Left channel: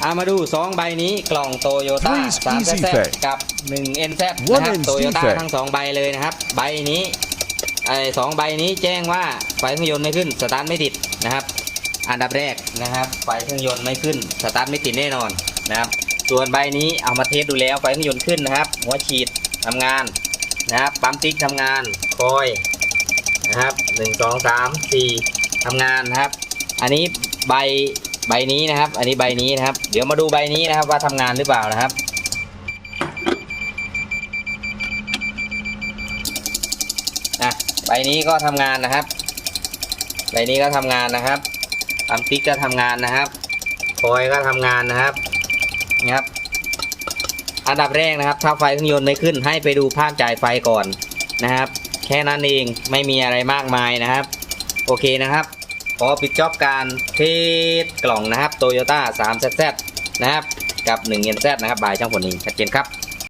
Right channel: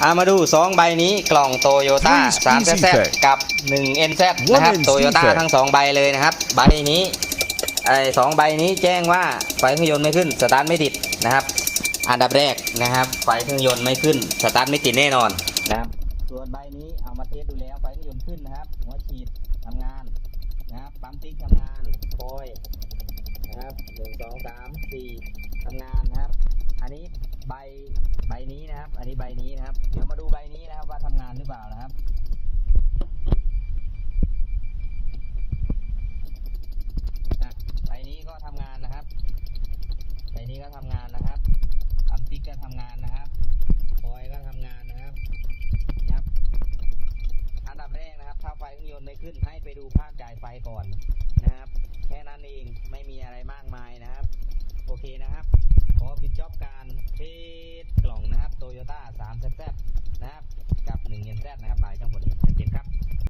เอามาดู 2 ใบนี้กล่องโตโยต้า Three 3 Easy z Tech กับ 1 NZ One นะครับ NZ โตโยต้า Tech ทั้ง 2 ใบเลยนะครับ ใบนี้ไอ้สองใบนี้แจ้งว่าไฟเครื่องยนต์ไม่ขึ้นสตาร์ทไม่ติดนะครับ อันดับแรกนะครับ ไฟเครื่องยนต์ไม่ขึ้นสตาร์ทไม่ติดแน่นอนนะครับส่วนใบนี้เอามาเทสดูแล้วไฟเครื่องยนต์ขึ้นนะครับ หัวฉีดทำงานนะครับปั๊มติ๊กทำงานคอยนะครับหนึ่งสองสามสี่ทำงานนะครับ อันนี้ใบ ใบนี้นะครับ อันนี้ใบนี้นะครับ เดี๋ยวมาดูใบนี้นะครับ ว่าทำงานหรือเปล่านะครับ อะ ใบนี้ก็ทำงานนะครับ ใบนี้ก็ทำงานนะครับปั๊มติ๊กก็ทำงานนะครับคอยก็ทำงานนะครับนะครับ อันดับแรกนะครับ ถ้าไฟเครื่องยนต์ไม่ขึ้น ให้ไปดูภาคจ่ายไฟก่อนนะครับ แค่นั้นเอง ไม่มีอะไรมากมายนะครับ โอเคนะครับ ขอปิดจ็อบการเทสกล่องนะครับโตโยต้าสามแซนะครับ กับ1 n z นะครับบายช่างผลเองชัดเจนครับ